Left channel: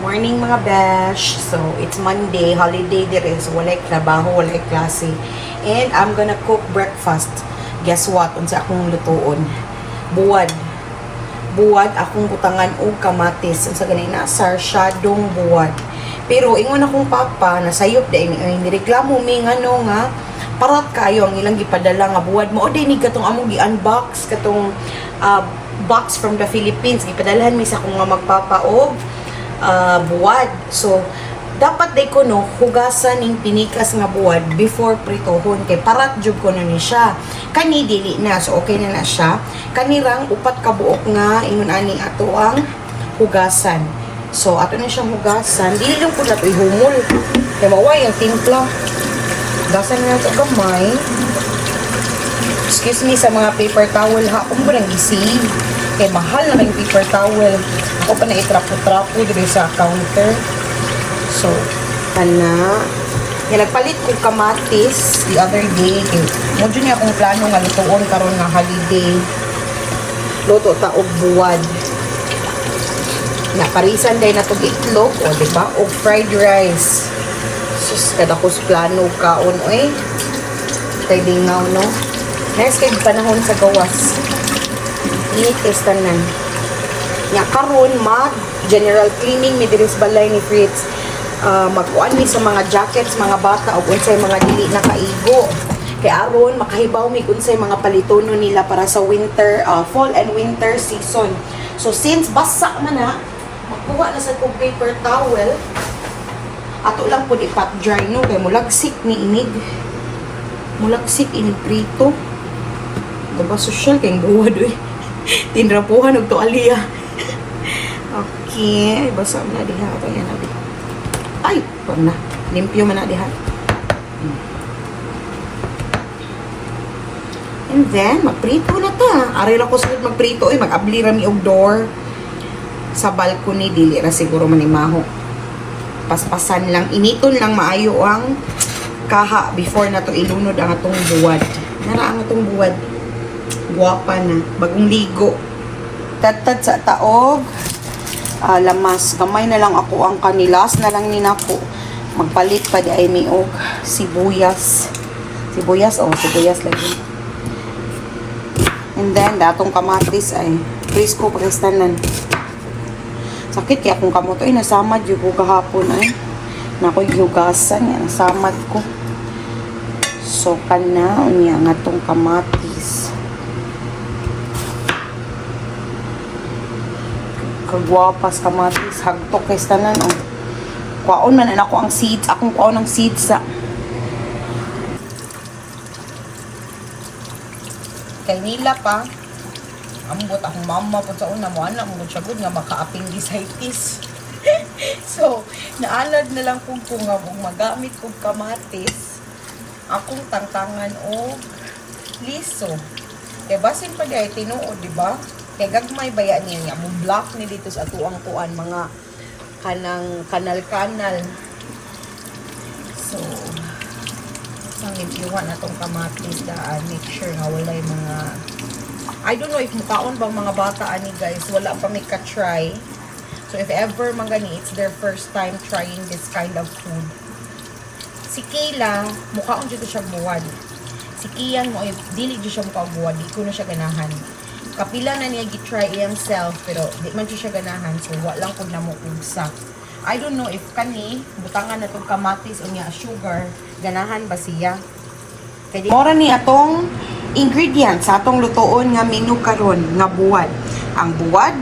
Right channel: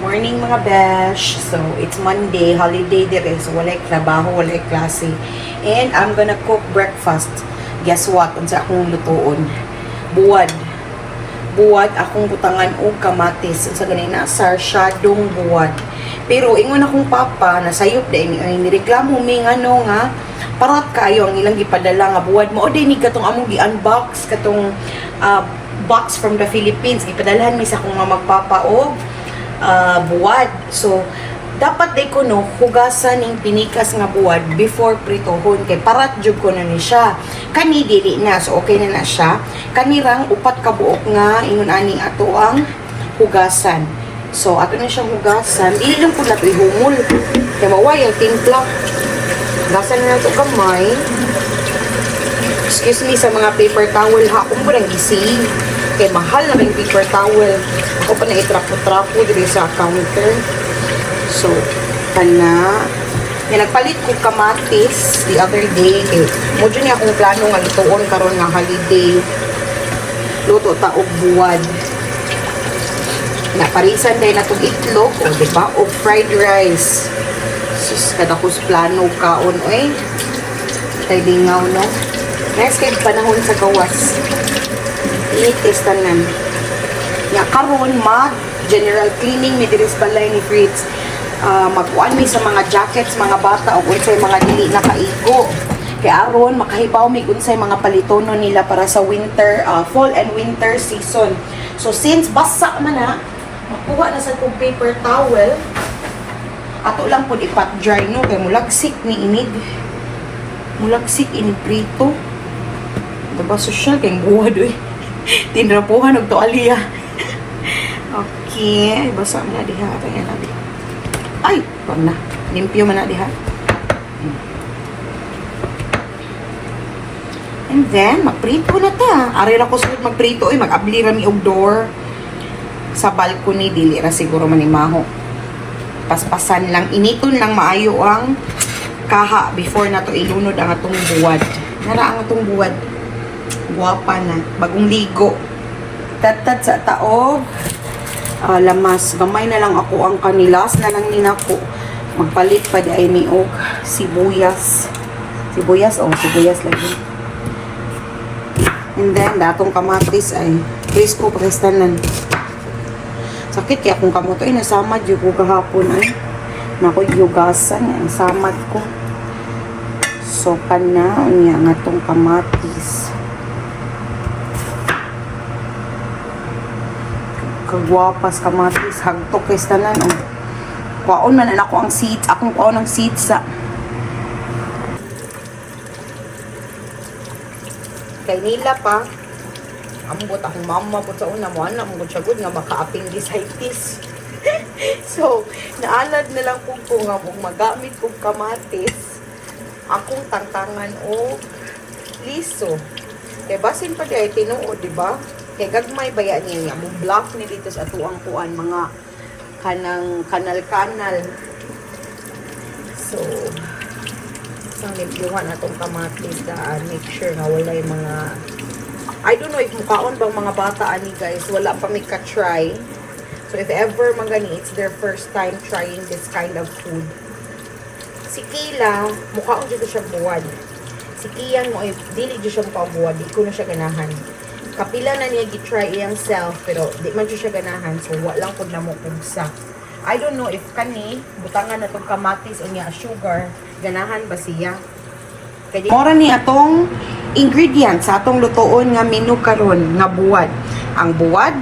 Morning mga besh. So, it's Monday, holiday dire. So, walay trabaho, walay klase. And I'm gonna cook breakfast. Guess what? Unsa akong lutuon? Buwad. Buwad akong butangan og kamatis. Unsa ganina? Sarsyadong buwad. Pero ingon akong papa, nasayop dahil nireklamo mi ano nga, parat kayo ang ilang gipadala nga buwad mo. O di ni katong among gi-unbox, katong box from the Philippines. Gipadalahan mi sa akong nga magpapa og buwad. So, dapat day ko no, hugasan ng pinikas nga buwad before pritohon. Kay parat jud ko na ni siya. Kani dili na. So, okay na siya. Kanirang upat ka buok nga, ingon ani ato ang hugasan. So, ato na siyang hugasan. Dili lang po na ito ihumol. Kaya maway ang timpla. Hugasan na ito kamay. Excuse me sa mga paper towel ha. Kung ba nang gising. Kaya mahal na yung paper towel. Ako pa na itrapo-trapo dito sa counter. So, kana. Yan, nagpalit ko kamatis the other day. Medyo niya akong plano nga lutoon karon nga holiday. Luto ta og buwad. Naparisan din na itong itlog. O, diba? O fried rice. Sus, kada ko sa plano kaon. Oy, tayo dingaw, no? Nes kay panahon sa gawas. I-tastanan. Nga karon general cleaning ni diris balay ni Fritz. Magkuan mi sa mga jackets, mga bata o unsay mga dili na kaigo. Kaya aron makahibaw mi unsay mga palitono nila para sa winter, fall and winter season. So since basa man na, magkuha na sa tong paper towel. Ato lang pud ipat dry no kay mulagsik ni inig. Mulagsik in prito. Diba social kay buwad eh. Tinrapuhan og tuwalya. Okay, basa na diha ayan na. Ay, wag na. Limpyo man na diha. And then magprito na ta. Ari ra ko sud magprito ay mag-abli ra mi og door sa balcony dili ra siguro manimaho. Paspasan lang, initon lang maayo ang kaha before na to ilunod ang atong buwad. Nara ang atong buwad. Guwapa na. Bagong ligo. Tatad sa taog. Lamas. Gamay na lang ako ang kanilas na lang ninako. Magpalit pa di ay mi og sibuyas. Sibuyas o sibuyas lagi. And then, datong kamatis ay presko prestanan. Sakit kaya kung kamoto ay nasamad yung ko kahapon ay. Nakoy yugasan yan. Nasamad ko. So, kana niya nga tong kamatis. Kagwapas kamatis hagtok kay tanan oh. Kuwaon man ako ang seeds, akong kuwaon ang seeds sa kay nila pa ambot akong mama po sa una mo anak mo siya good nga makaaping gisaitis. So naalad na lang kung nga magamit kong kamatis akong tangtangan o liso kay basin pa di ay tinuod diba. Kay gagmay baya niya nga block ni dito sa atuang kuan mga kanal-kanal. So limpyuhan na tong kamatis daan. Make sure na wala yung mga I don't know if mukhaon ba mga bata ani guys. Wala pa may ka-try. So if ever mga gani, it's their first time trying this kind of food. Si Kayla, mukhaon dito siya buwad. Si Kian mo, dili dito siya mukhaon buwad. Di ko na siya ganahan. Kapila na niya gi-try iyang self pero di man siya ganahan so wala lang pud namo kubsa. I don't know if kani butangan na tong kamatis o niya sugar ganahan ba siya. Kay mora ni atong ingredients sa atong lutoon nga menu karon nga buwad. Ang buwad,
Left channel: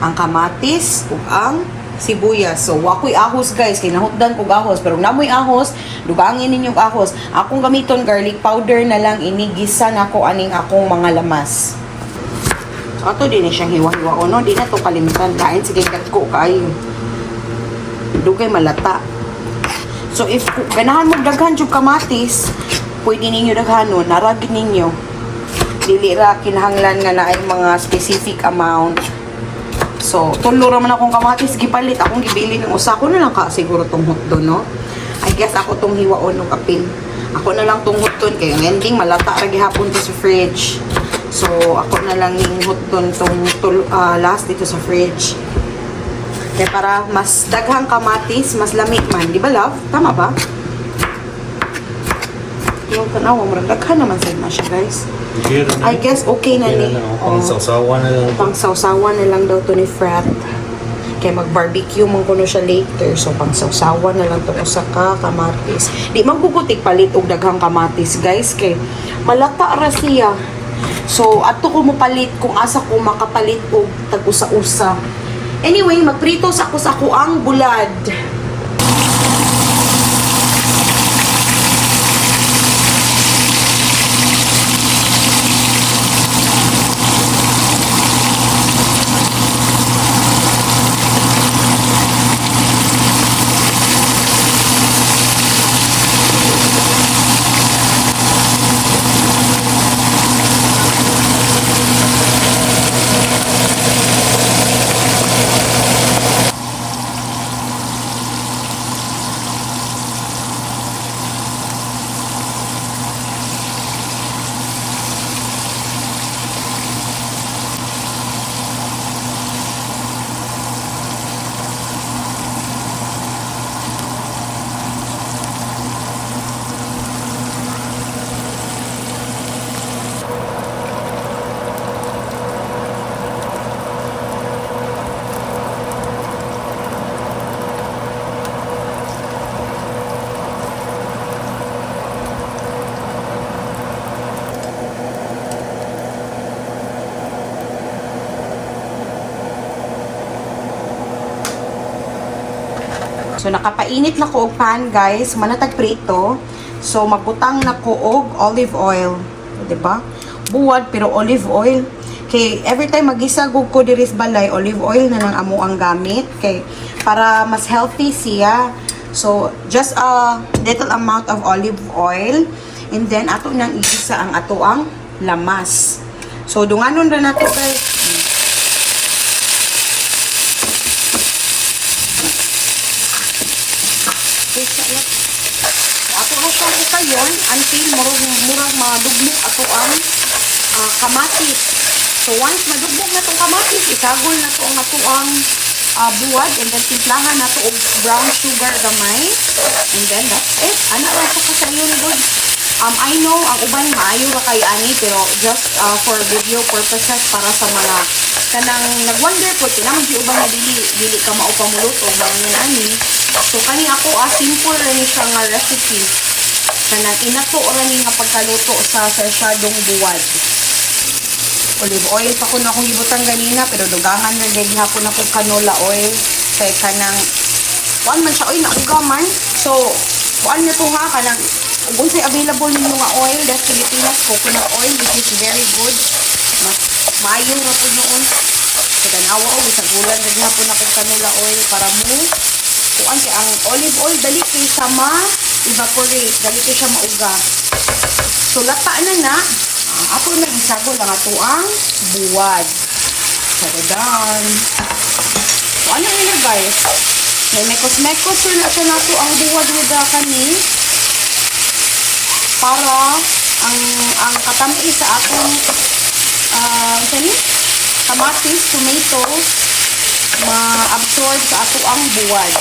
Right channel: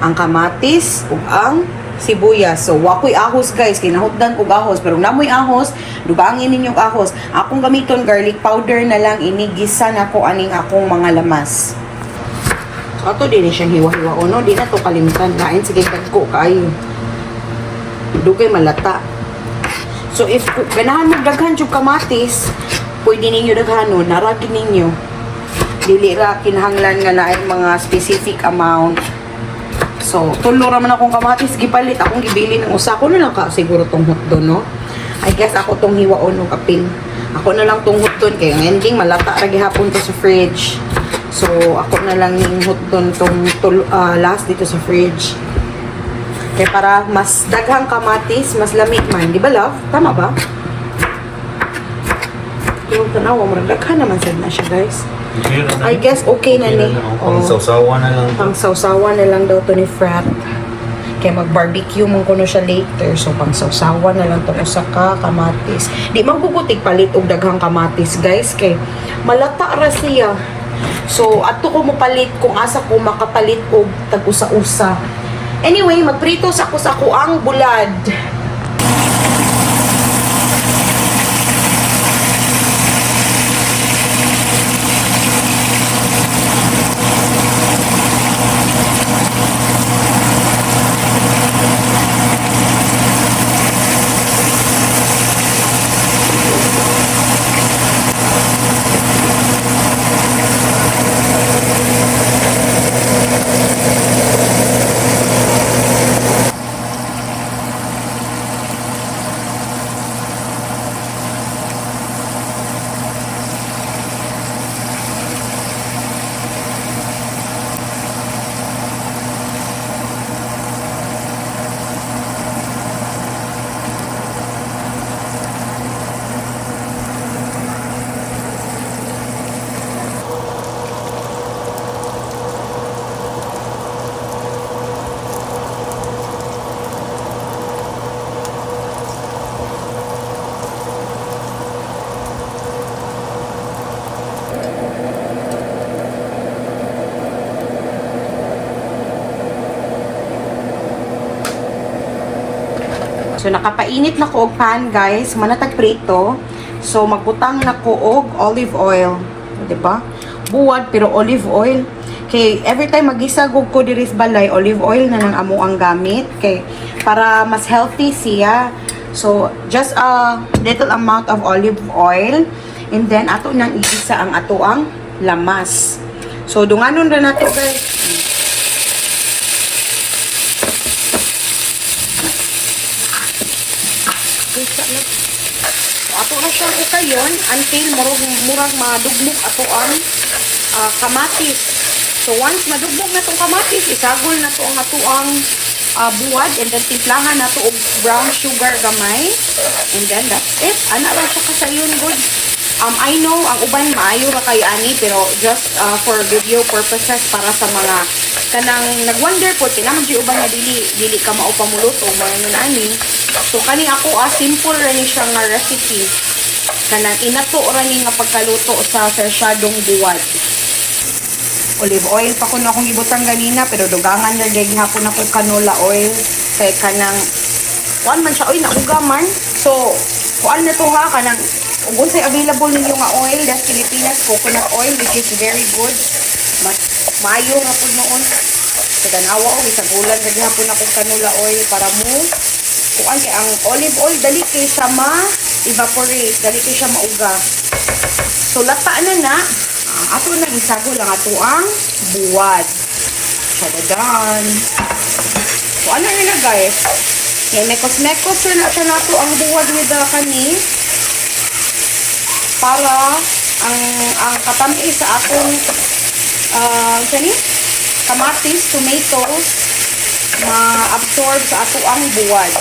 ang kamatis ug ang sibuyas. So wakoy ahos guys, kinahutdan og ahos pero namoy ahos, dugangin ninyong ahos. Akong gamiton garlic powder na lang inigisa nako aning akong mga lamas. Ato din siya hiwa-hiwa o no, di na to kalimitan. Lain sige kagko kaayo. Dugay malata. So if ganahan mo daghan jud kamatis, pwede ninyo daghanon, naragin ninyo. Dili ra kinahanglan nga naay mga specific amount. So tulo ra man akong kamatis gipalit, akong gibili ng usa ko na lang ka siguro tong hotdon no. I guess ako tong hiwaon ng kapin. Ako na lang tong hotdon kay ending malata ra gihapon to sa fridge. So, ako na lang yung hotdon tong last dito sa fridge. Kaya para mas daghang kamatis, mas lamig man. Di ba, love? Tama ba? Yung tanaw, daghan naman na siya, guys. I guess okay na ni. Pang-sawsawa na lang. Pang-sawsawa na lang daw to ni Frat. Kaya mag-barbecue mong kuno siya later. So, pang-sawsawa na lang to usa ka kamatis. Di magbubutig palit og daghang kamatis, guys. Kay malata ra siya. So, ato ko mo palit kung asa ko makapalit og tag-usa-usa. Anyway, magprito sa ako ang bulad. So, nakapainit na ko og pan, guys. Manatag prito. So, magbutang na ko og olive oil. Diba? Buwad, pero olive oil. Okay, every time magisagog ko diris balay, olive oil na lang amo ang gamit. Okay, para mas healthy siya. So, just a little amount of olive oil. And then, ato nang igisa ang ato ang lamas. So, dunganon na nato, guys. Ato na sa kayon until murag madugmok ato ang kamatis. So once madugmok na itong kamatis, isagol na ito ang ato ang buwad, and then timplahan na ito og brown sugar gamay, and then that's it. Ano lang siya sa yun, good. I know ang uban maayo ra kay ani, pero just for video purposes, para sa mga kanang nagwonder po tinang di uban na dili ka mao pamuluto mga ani. So kani ako simple ra ni siya nga recipe. Kanang inato ra ni nga pagkaluto sa sarsyadong buwad. Olive oil pa ko na akong ibutan ganina, pero dugangan na deg hapon ako canola oil kay kanang kuan man siya oy naugaman. So kuan na to nga kanang kung sa'y available ninyo nga oil, that's Philippines coconut oil, which is very good. Mas maayo na po noon. So, tanawa ko, isang ulan na din po na kong canola oil para mo. So, ang olive oil, dali ko sa ma-evaporate, dali ko siya mauga. So, lata na. Ako na, isago lang ito ang buwad. Sadadan. So, ano nila guys? May cosmecos na siya nato ang buwad with the kanin. Para ang katampi sa akong kamatis, tomatoes ma-absorb sa ato ang buwad.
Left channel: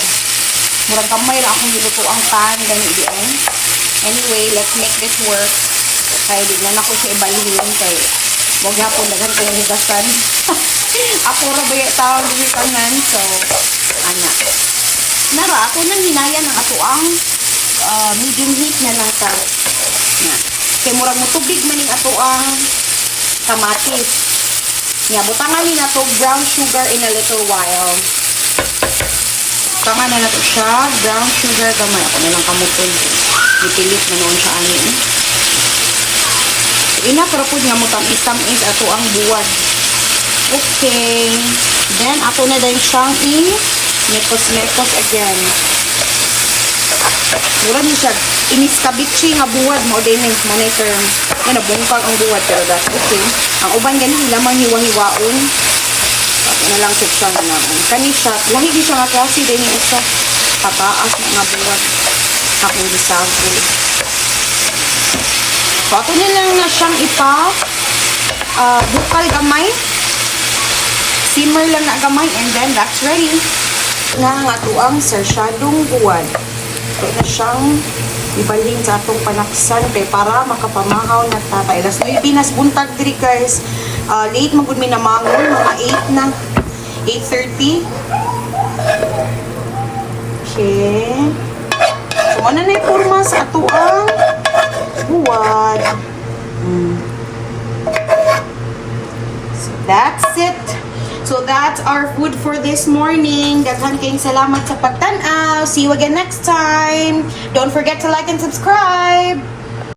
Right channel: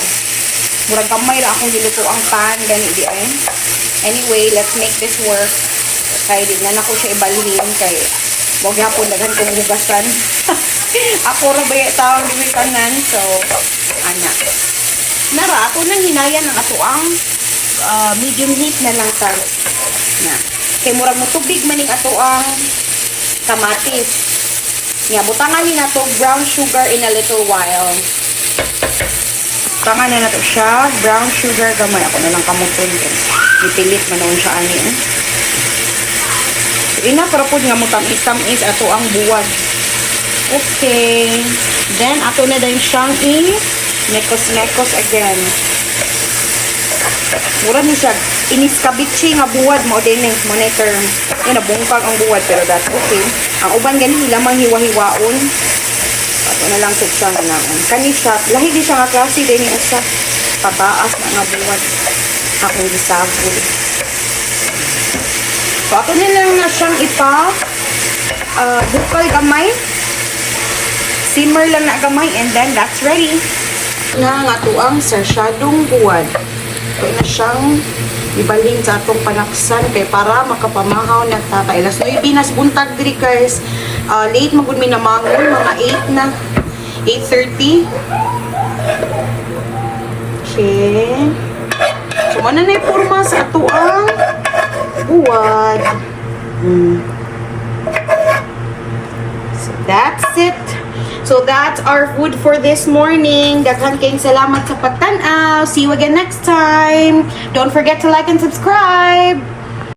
Murag kamay ra akong giluto ang pan then idiin. Anyway, let's make this work. Kaya di na ako siya ibalhin kay wag ako dagan ko higasan. Ako ra ba tawag ni kanan, so ana. Nara ako nang hinayan ang ato ang medium heat na lang ta. Na. Kay murag mo tubig maning ato ang kamatis. Nya butangan ni nato brown sugar in a little while. Butangan na nato siya brown sugar gamay ako na lang kamutin. Ipilit na noon siya ani. Ina para pud nga mo tamis ato ang buwad. Okay. Then ako na din siyang mekos again. Mura mo siya, iniskabichi nga buwad mo din yung monitor. Yan, nabungkag ang buwad, pero that's okay. Ang uban ganin, lamang hiwa-hiwaon. At na lang siya na naman. Kani siya, lahigi siya nga klase din yung isa. Pataas nga buwad. Akong gisago. So, ato na lang na siyang bukal gamay. Simmer lang na gamay, and then that's ready. nga nga tuang sarsyadong buwan. Kaya na siyang ibalhin sa atong panaksan kay para makapamahaw na tatay. Alas 9 nas buntag diri guys. Late magud mi namangon, mga 8 na. 8:30. Okay. So, ano na yung forma sa atuang buwan. So, that's it. So, that's our food for this morning. Daghan kayong salamat sa pagtanaw. See you again next time. Don't forget to like and subscribe.